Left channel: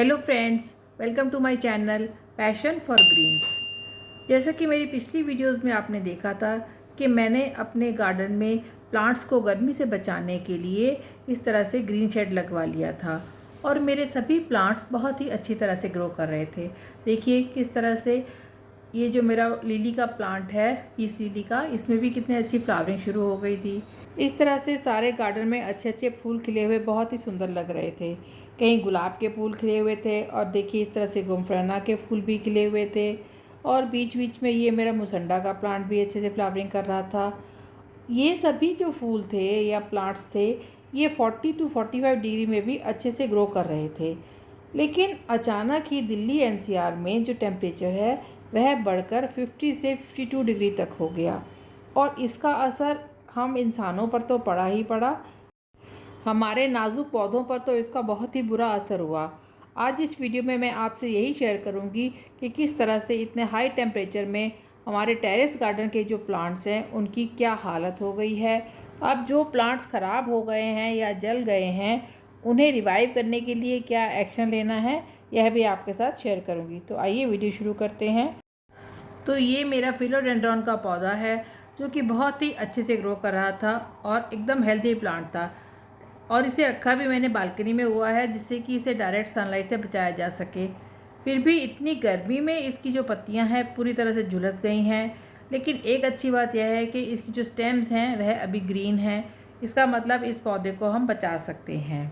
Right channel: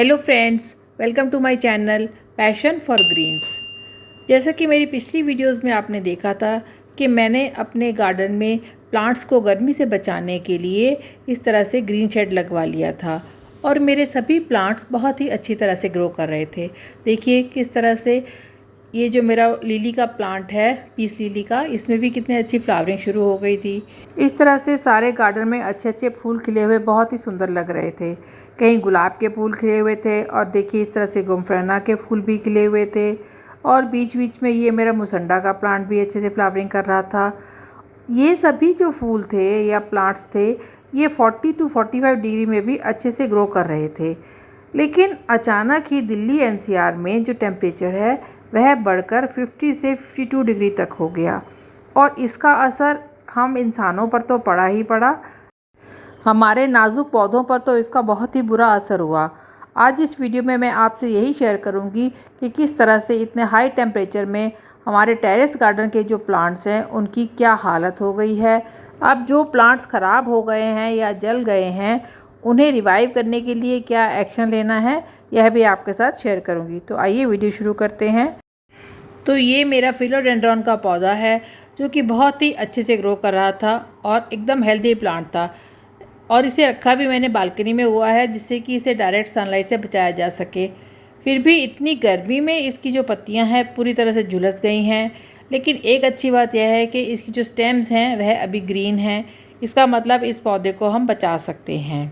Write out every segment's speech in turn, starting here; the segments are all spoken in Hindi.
Hello friends, welcome to my channel passion for greens. जैसा कि मेरी पिछली वीडियोस में आपने देखा था कि मैंने अपने गार्डन में प्लांट्स को गर्मी से बचाने के लिए इस तरह से ग्रीन शेड लगवा लिया था और मेरे सभी प्लांट्स बहुत ही अच्छी तरह से ग्रो कर रहे थे। देखिए किस तरह से ये जो मेरा लिली का प्लांट है, पीस लिली का, इसमें भी कितनी अच्छी फ्लावरिंग शुरू हो गई थी। इस तरह से सारे गार्डन में अच्छे अच्छे फूल खिले हुए बहुत ही सुंदर लग रहे थे। कहीं गुलाब के फूल खिले हुए थे और देखिए इस तरह से गुमफराना के फूल भी खिले हुए थे और बीच बीच में ये मेरा मुसंडा का प्लांट भी अच्छे से फ्लावरिंग कर रहा था। ये सभी जो फूल थे या प्लांट्स थे, ये 40 टू 45 डिग्री में भी अच्छे से ग्रो कर रहे थे। लेकिन अचानक ही दिल्ली एनसीआर में जो टेम्परेचर है वह बढ़कर 50 से 52 डिग्री तक हो गया और इसका असर हम इंसानों पर तो पड़ा ही पड़ा, हमारे नाजुक पौधों पर तो इसका बहुत ही बुरा असर हुआ। आज इस वीडियो में मैं आपसे यही शेयर करूंगी कि किस तरह से इतने हाई टेम्परेचर में हमारे टेरेस गार्डन के जो प्लांट्स हैं उनकी क्या हालत हो गई है। अब जो प्लांट्स ख़राब हो गए हैं या जल गए हैं उन्हें रिवाइव करने के लिए क्या एक्शन लेना है, यह भी आपके साथ शेयर करूंगी। तो आइए वीडियो शुरू करते हैं। तो ये मेरा फिलोडेंड्रॉन का पौधा है जो कि बहुत ही अच्छे से ग्रो कर रहा था और एकदम हेल्दी प्लांट था और इसे रखा भी मैंने बालकनी में हुआ है जिससे कि इसे डायरेक्ट सनलाइट से बचाया जा सके। फिर भी इतनी गर्मी में इसकी जो पत्तियां हैं पूरी तरह से झुलस गई हैं। लेकिन एक अच्छी बात यह है कि इसकी जो स्टेम्स हैं वह अभी ग्रीन हैं। इसका मतलब इस पौधे को हम बचा सकते हैं।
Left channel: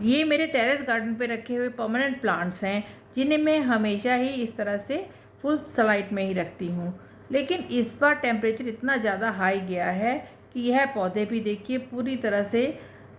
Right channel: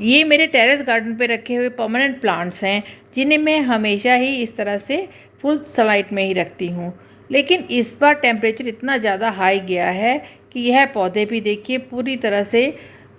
ये मेरे टेरेस गार्डन पे रखे हुए परमानेंट प्लांट्स हैं जिन्हें मैं हमेशा ही इस तरह से फुल सनलाइट में ही रखती हूँ। लेकिन इस बार टेम्परेचर इतना ज़्यादा हाई गया है कि यह पौधे भी देखिए पूरी तरह से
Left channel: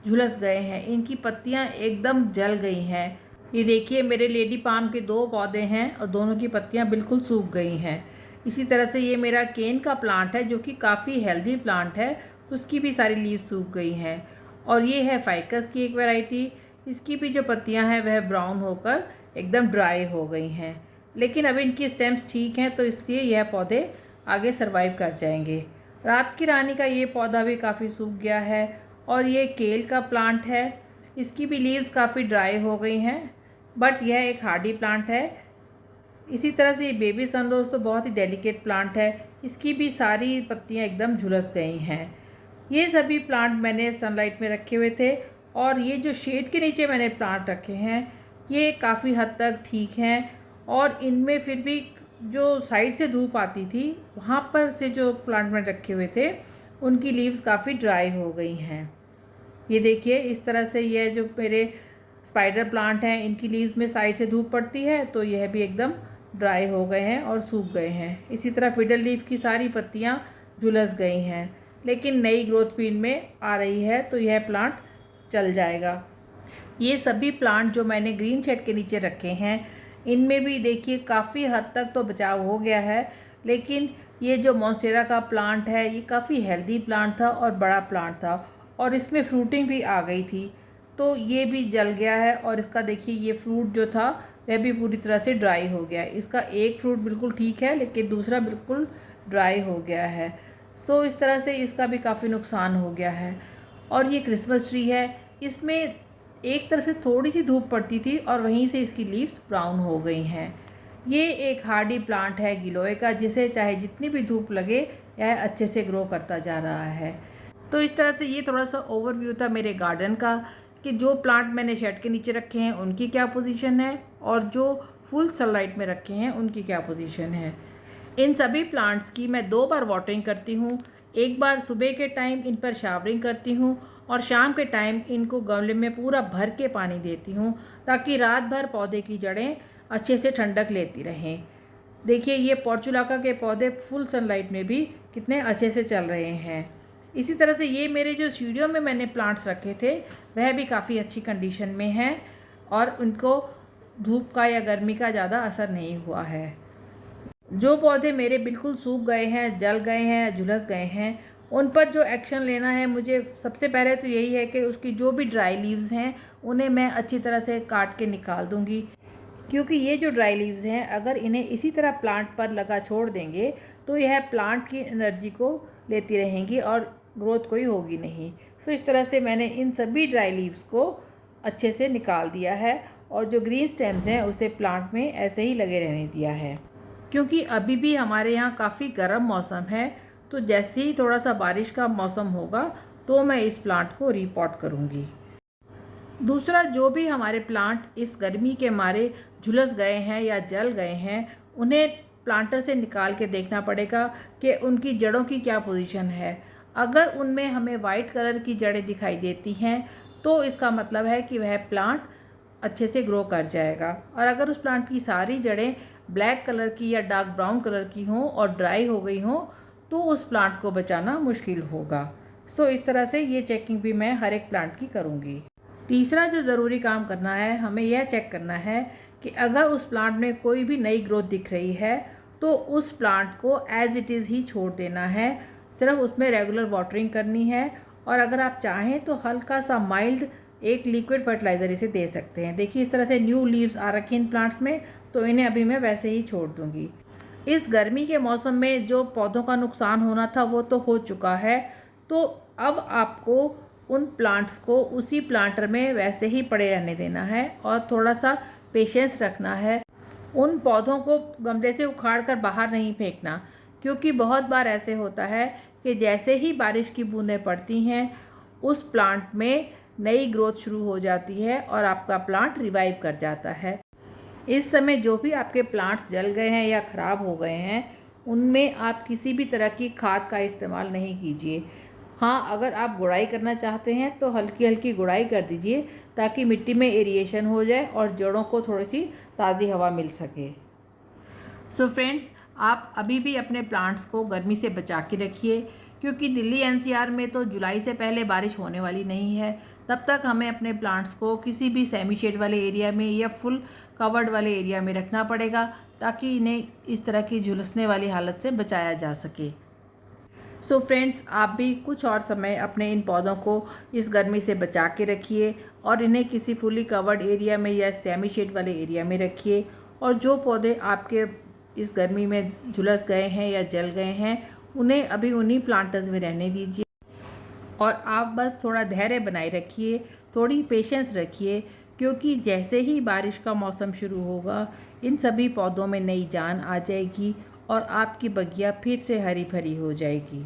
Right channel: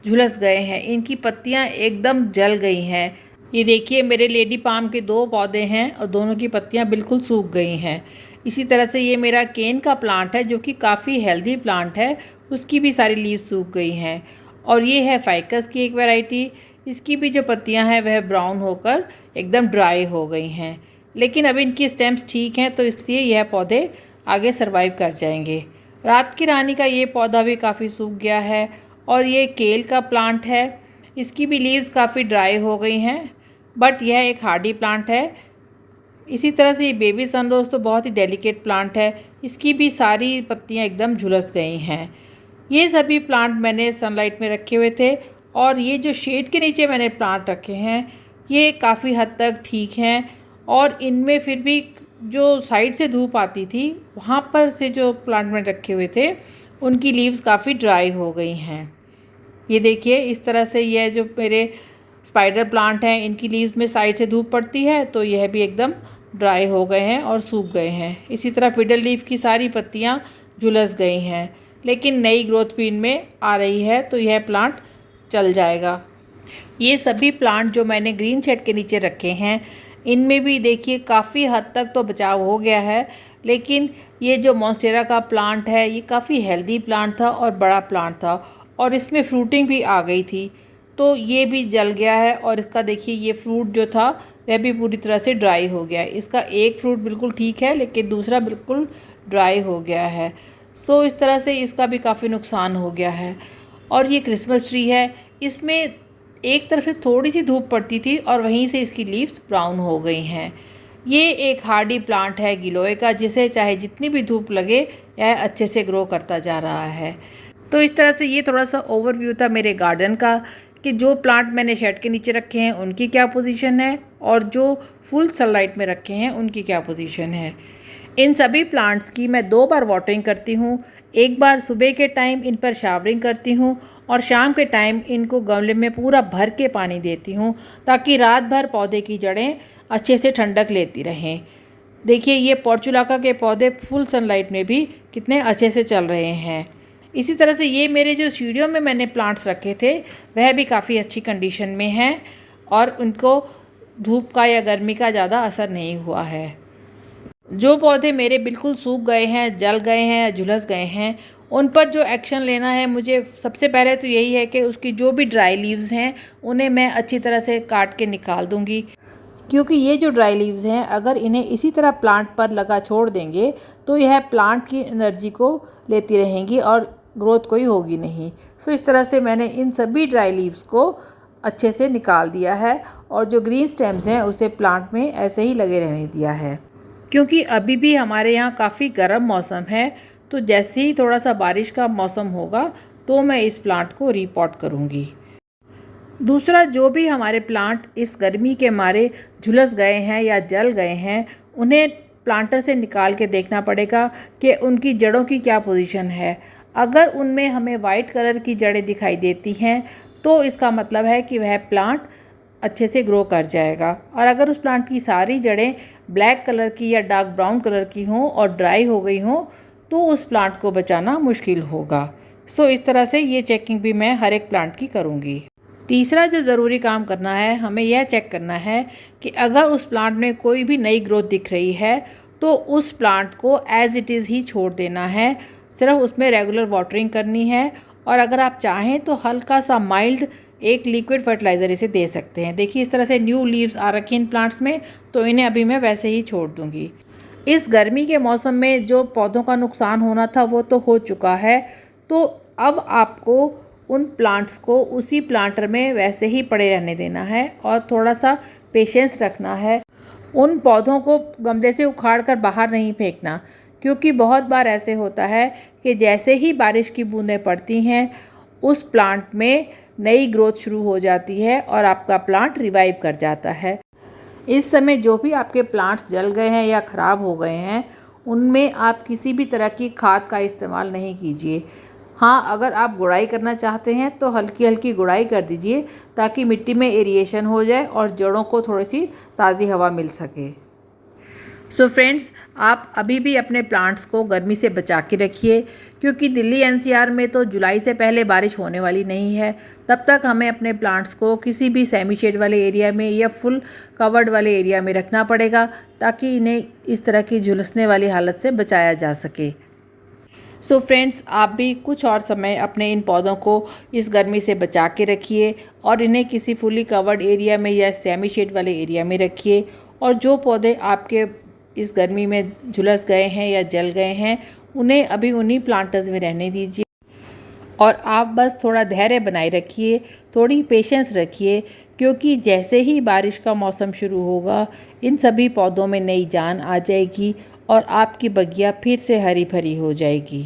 झुलस गए हैं। इनकी पत्तियाँ एकदम जल गई हैं। ये देखिए मेरे लेडी पाम के 2 पौधे हैं और दोनों की पत्तियाँ बिल्कुल सूख गई हैं। इसी तरह से ये मेरा केन का प्लांट है जो कि काफ़ी हेल्दी प्लांट है, उसकी भी सारी लीव्स सूख गई हैं। और ये है फाइकस की एक वैरायटी, इसकी भी जो पत्तियां हैं वह ब्राउन होकर एकदम ड्राई हो गई हैं। लेकिन अभी इनकी स्टेम्स ठीक हैं तो इसलिए यह पौधे आगे सरवाइव कर जाएंगे। रात की रानी का ये पौधा भी काफ़ी सूख गया है और ये केल का प्लांट है, इसकी भी लीव्स काफ़ी ड्राई हो गई हैं, बट यह एक हार्डी प्लांट है। इसी तरह से ये बेबी सनरोज़ तो बहुत ही डेलिकेट प्लांट है, इसकी भी सारी पत्तियां एकदम झुलस गई हैं। ये सभी प्लांट मैंने सनलाइट में रखे हुए थे और ये जो शेड के नीचे मैंने प्लांट रखे हैं ये काफ़ी हद तक ठीक हैं और इनमें फिर भी जो साइड से धूप आती थी वहाँ पर से जो प्लांट मैंने रखे हुए थे उनकी लीव्स काफ़ी ड्राई हो गई हैं। ये देखिए इस तरह से यह जो मेरे स्पाइडर प्लांट हैं इनकी लीव्स में साइड से धूप पड़ती है तो यह भी एकदम ड्राई हो गए हैं और सूख गए हैं। इसी तरह फिडर लीफ की सारी पत्तियाँ झुलस गई हैं, लेकिन नई ग्रोथ भी इनमें आ रही है तो यह प्लांट चल जाएगा। ये सभी प्लांट जो मैंने ग्रीन शेड के नीचे रखे हैं इनमें भी देखिए काफ़ी हद तक तो बचाव हो गया है। लेकिन ये जो मॉन्स्टेरा का प्लांट है ये काफ़ी हेल्दी प्लांट था और बड़ा प्लांट था और इसमें फ्रूटिंग भी आ गई थी तो ये भी जल गया है और इसका देखिए ये फ्रूट जो था वह भी पूरी तरह से ड्राई हो गया है। इसका एक फ्रूट बिल्कुल ठीक है लेकिन दूसरा बिल्कुल ड्राई हो गया है। सो इस तरह से इसका भी काफ़ी नुकसान हो गया है। और ये क्रिसमस ट्री है, इसमें एक तरफ से थोड़ी सी धूप पड़ती थी और वहीं से इसकी लीव्स ब्राउन हो गई हैं। ये एक हार्डी प्लांट है गिलोय का, जिसे चाहे जितनी भी धूप लगे यह अच्छे से ग्रो करता जा रहा है। तो इस तरह से ये थोड़ा सा ओवरव्यू था मेरे गार्डन का कि जो प्लांट मैंने शेड के नीचे रखे हैं उनकी क्या पोजीशन है और जो फुल सनलाइट में रखे हैं उनकी क्या पोजीशन है। इन सभी प्लांट्स की मैं 2 बार वाटरिंग करती हूँ। एक बार सुबह के टाइम इन पर शावरिंग करती हूँ और शाम के टाइम इनको गमले में पूरा भर के पानी देती हूँ ताकि रात भर पौधे की जड़ें अच्छे से ठंडक लेती रहें। देखिए ये पोर्चुलाका के पौधे फुल सनलाइट में भी कितने अच्छे से चल रहे हैं। इसी तरह से ये मेरे जो स्टूडियो में मैंने प्लांट्स रखे थे वह भी काफ़ी अच्छी कंडीशन में हैं और उनको धूप का या गर्मी का ज़्यादा असर नहीं हुआ है। जो पौधे मेरे बिल्कुल सूख गए हैं, जल गए हैं या झुलस गए हैं, उन पर जो एक्शन लेना है मुझे सबसे पहले तो यही है कि उसकी जो भी ड्राई लीव्स हैं उन्हें मैं अच्छी तरह से काट के निकाल दूंगी, क्योंकि ये जो ड्राई लीव्स हैं अगर इन्हें इसी तरह प्लांट पर लगा छोड़ देंगे तो यह प्लांट की एनर्जी को लेती रहेंगी और ग्रोथ कोई होगी नहीं। सो इस तरह से मैंने इन सभी ड्राई लीव्स को अच्छे से निकाल दिया है और जो ग्रीन स्टेम्स हैं उसे प्लांट में ऐसे ही लगे रहने दिया है। क्योंकि अभी भी हमारे यहाँ काफ़ी गर्म मौसम है, तो जैसे ही थोड़ा सा बारिश का मौसम होगा तो मैं इस प्लांट को रीपॉट करूँगी। दूसरा, जो भी हमारे प्लांट इस गर्मी के मारे झुलस गए हैं या जल गए हैं, उन्हें प्लांटर से निकाल के देखना पड़ेगा कि उनकी जड़ों की क्या पोजीशन है। अगर उनमें हमें वाइट कलर की जड़ें दिखाई देती हैं तो इसका मतलब है कि वह प्लांट अच्छे से ग्रो कर जाएगा। और अगर उस प्लांट की सारी जड़ें ब्लैक कलर की या डार्क ब्राउन कलर की हों और ड्राई हो गई हों तो उस प्लांट को बचाना मुश्किल होगा। सो इस तरह से ये चेकिंग भी मैं हर एक प्लांट की करूँगी। तीसरा जो ज़रूरी काम करना है, हमें यह चेक करना है कि अगर उस प्लांट में कोई भी नई ग्रोथ दिख रही है तो उस प्लांट को एज़ इट इज़ ही छोड़ देना है। सिर्फ उसमें रेगुलर वाटरिंग करनी है और अगर आप चाहें तो हल्का सा माइल्ड एक लिक्विड फर्टिलाइज़र इसे दे सकते हैं। देखिए इस तरह से न्यू लीव्स आ रखी हैं इन प्लांट्स में, तो इन्हें अभी मैं वैसे ही छोड़ दूँगी। इस गर्मी के मौसम में जो पौधों का नुकसान होना था वो तो हो चुका है, तो अब आपको उन प्लांट्स को उसी प्लांटर में वैसे ही पड़े रहने देना है और थोड़ा सा पेशेंस रखना है। उन पौधों को गमले से उखाड़ कर बाहर नहीं फेंकना, क्योंकि बहुत बार ऐसे होता है कि जैसे ही बारिश की बूंदें पड़ती हैं उस प्लांट में नई ग्रोथ शुरू हो जाती है और आपका प्लांट रिवाइव कर जाता है। इस समय जो भी आपके प्लांट्स जल गए हैं या ख़राब हो गए हैं उनमें आप किसी भी तरह की खाद का इस्तेमाल नहीं कीजिए। हाँ, अगर आप गुड़ाई करना चाहते हैं तो हल्की हल्की गुड़ाई कर दीजिए ताकि मिट्टी में एरिएशन हो जाए और जड़ों को थोड़ी सी ताज़ी हवा मिल सके। सो फ्रेंड्स, आप अभी भी अपने प्लांट्स को गर्मी से बचा के रखिए, क्योंकि दिल्ली एनसीआर में तो जुलाई से पहले बारिश होने वाली नहीं है। तब तक हमें अपने प्लांट्स को किसी भी सेमी शेड वाले एरिया में या फुल कवर्ड वाले एरिया में रखना पड़ेगा ताकि इन्हें इस तरह की झुलसने वाली हालत से बचाया जा सके। सो फ्रेंड्स, आप भी कुछ और समय अपने इन पौधों को इस गर्मी से बचा के रखिए और इन्हें किसी फुली कवर्ड एरिया में या सेमी शेड वाले एरिया में रखिए। और जो पौधे आपके इस गर्मी में झुलस गए हैं या जल गए हैं उन्हें अभी उन्हीं प्लांटर्स में रहने दीजिए और आप बस थोड़ा धैर्य बनाए रखिए, थोड़ी पेशेंस रखिए, क्योंकि जैसे ही बारिश का मौसम शुरू होगा इन सभी पौधों में नई जान आ जाएगी और आपकी बगिया फिर से हरी भरी हो जाएगी।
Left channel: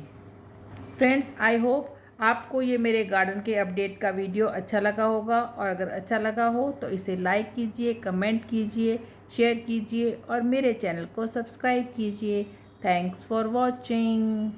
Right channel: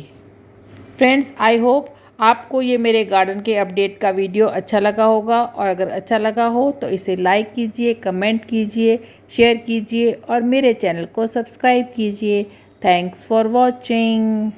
फ्रेंड्स, आई होप आपको ये मेरे गार्डन के अपडेट का वीडियो अच्छा लगा होगा और अगर अच्छा लगा हो तो इसे लाइक कीजिए, कमेंट कीजिए, शेयर कीजिए और मेरे चैनल को सब्सक्राइब कीजिए। Thanks for watching.